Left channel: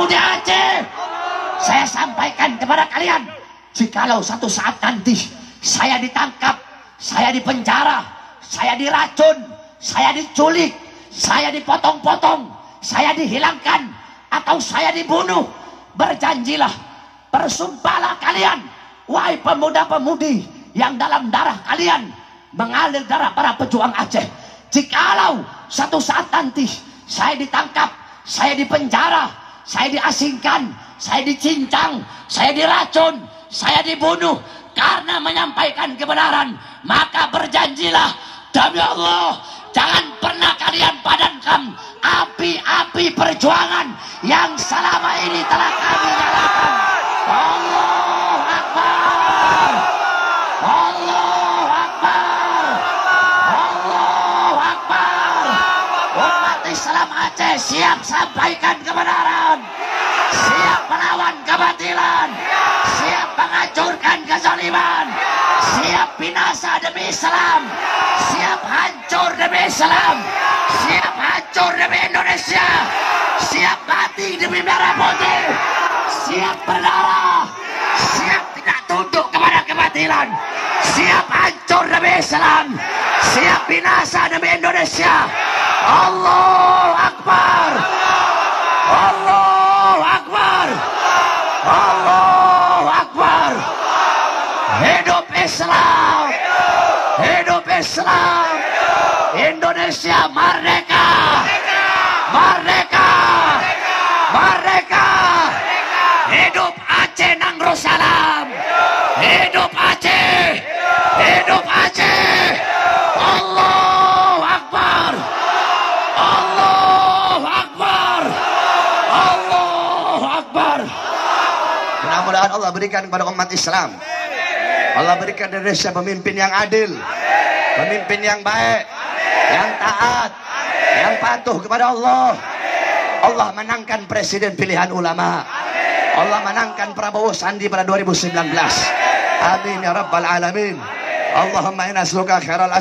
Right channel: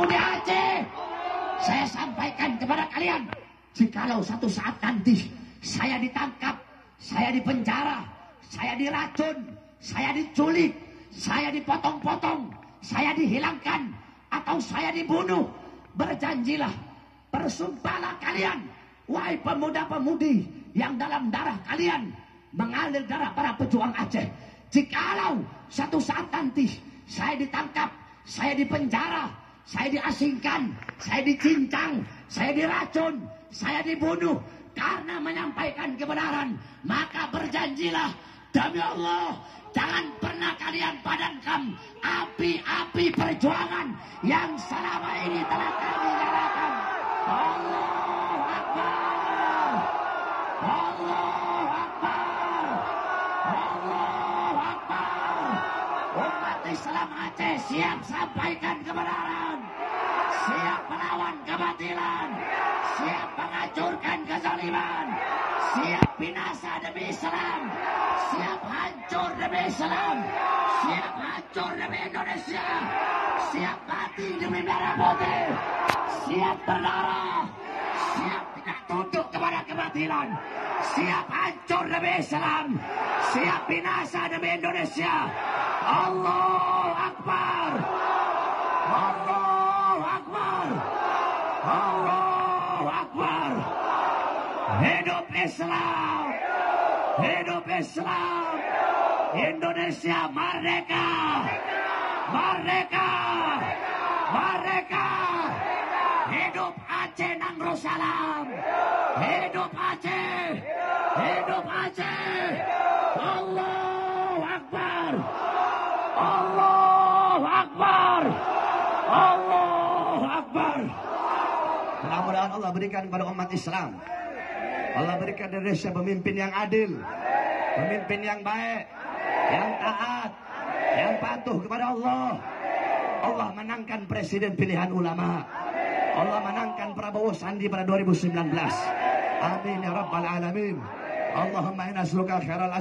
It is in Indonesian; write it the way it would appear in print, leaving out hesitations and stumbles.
pemuda Aceh. Saya sampaikan kepada kalian, jikalau satu saat nanti saya ditangkap, saya dipenjara, saya diracun, saya diculik, saya dipotong-potong, saya dihilangkan, atau saya dibunuh, berjanjilah, bersumpahlah kalian, wahai pemuda-pemudi yang dalam darah kalian mengalir darah para pejuang Aceh, jikalau satu saat nanti saya ditangkap, saya dipenjara, saya diasingkan, saya dicincang, saya diracun, saya dibunuh karena menyampaikan kebenaran, maka berjanjilah demi Allah, jangan pernah kalian padamkan api-api perjuangan yang selama ini telah kami nyalakan. Allahu Akbar, Allahu Akbar, Allahu Akbar. Umat Islam Aceh siap sampaikan kebenaran, siap melawan kebatilan, siap menghancurkan kezaliman, siap binasa demi Islam, siap hancur demi Islam, siap hancur demi Indonesia, siap mati demi merah putih, siap berdarah, siap tidak tunduk kepada kebatilan, siap hancur demi Islam, siap binasa demi Indonesia. Allahu Akbar, Allahu Akbar, Allahu Akbar. Hidup Islam, hidup Islam, Indonesia merdeka, merdeka, merdeka. Hidup Aceh Nanggrosalam, hidup Aceh, hidup Aceh. Allahu Akbar, Allahu Akbar, Allahu Akbar. Mudah-mudahan Allah berikan kepada umat Islam, Allah berikan Indonesia pemimpin yang adil, pemimpin yang baik, yang taat, yang patuh kepada Allah. Allah menangkan presiden pilihan ulama, Allah menangkan Prabowo Sandi pada 2019. Amin ya rabbal alamin. Allahumma inna nas'aluka khairal